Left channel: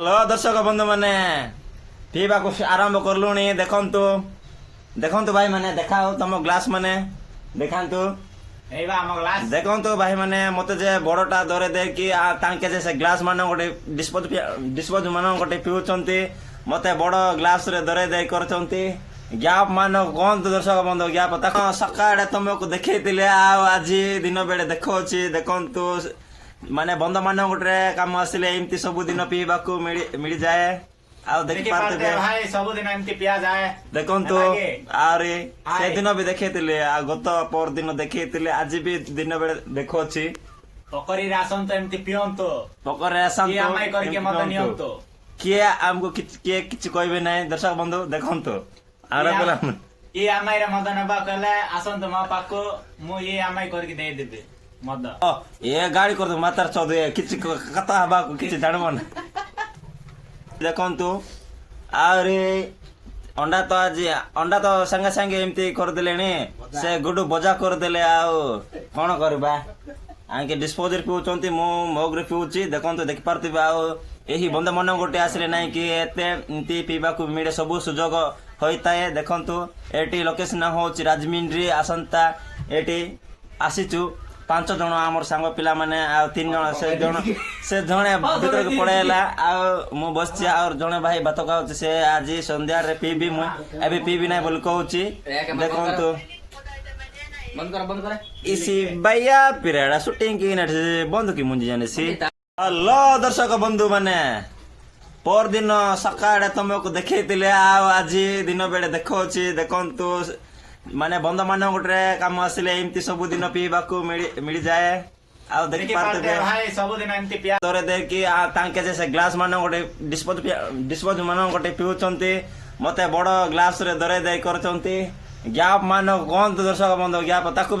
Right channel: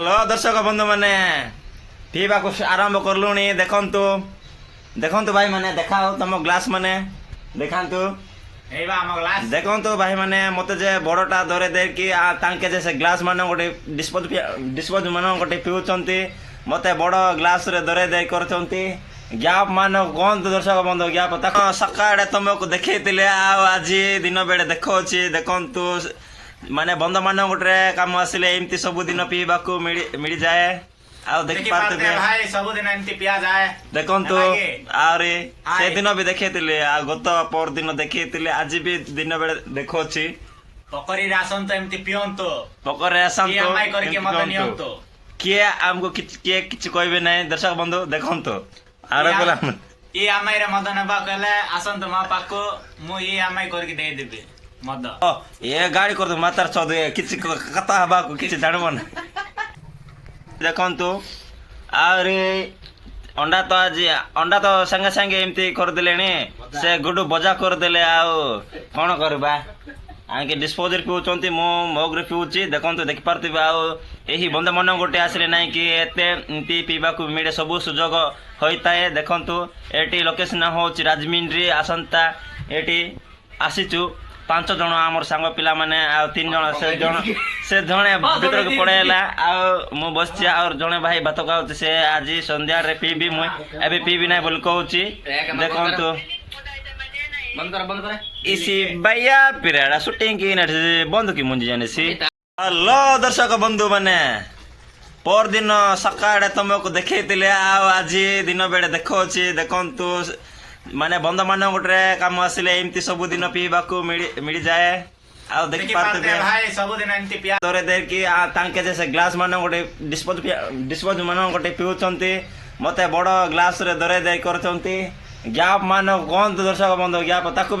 hello दर्शक बंधु मैंने पीवा आरंभ करलुणी देखंतु देखंतु भाई मैंने देखाओ तुम ग्लास मैंने देखांतु देखंतु भाई मैंने मते जे बड़टा धरे दे कि तांके जे से ग्लास मान गोटे डिस्पोज मान गोटे पिउचंती मते बड़ ग्लास रे धरे दे करचंती ग्याप मान कहतु दर्शक बंधु ग्याप सकाळे तुमको देखैतिले आज दिन बेले देखौछि देखंतु माने बंध मान गोटे काम आसिले एमती सब दिन पीवा को मिल जाए आउ देखि पारते भाई सब दिन एमती पिया जाए देखंतु आरे से दिन भी देखैतिले आ गत पर दिन देखैतिले आज भी दिन बेले देखौछि पकरी रासन तो एमती पियंतो पकर रासन तो एमआई करके मत नियंतो के हमको किए किछ कहबे नै दर्शक बंधु देखंतु आरे बोला ई एमआई रे मत नेबा कहले आसन तो मा पाको मु ई एमआई करके दे देबे मद ये गाड़ी कर मातार चौध किसी कथा हवा किसी जानबन देखंतु आरे अंडा तो आज अंडा तो संगे संगे एमती कर देले से गुडू बजा कर देले आउ कोन करबा आके डिस्पोजर पिउचंती मो मग रे पिउची देखंतु देखि पारती आउ एही बंद मन गोटे आसले नै कि एते एमती पीबा को मिले सब सुजोग होइताए देखंतु एटी लोकेशन होची राजमिंद्री आसंता एटी आसीचु 5 जन आमर सांग पिला माने आ 3 जन से जने भीतर के पड़ेला आ मु बसछि और जने भाई बात कहउछ से आज संध्या रे पीबी मु एबे पीबी नै बोल कहउछि देखंतु बंद कर इसी भैया पिराडा शूटिंग की न बंद की मुंजी जाने सी हेलो दर्शक बंधु माने पर दिन सकाळे तुमको देखैतिले आज दिन बेले देखौछि देखंतु माने बंध मान गोटे काम आसिले एमती सब दिन पीवा को मिल जाए आ देखि पारते भाई सब दिन एमती पिया धरे दे कि तांके जे से ग्लास मान गोटे डिस्पोज मान गोटे पिउचंती मते बड़ ग्लास रे धरे दे करचंती ग्याप मान कहतु दर्शक बंधु ग्याप ताकू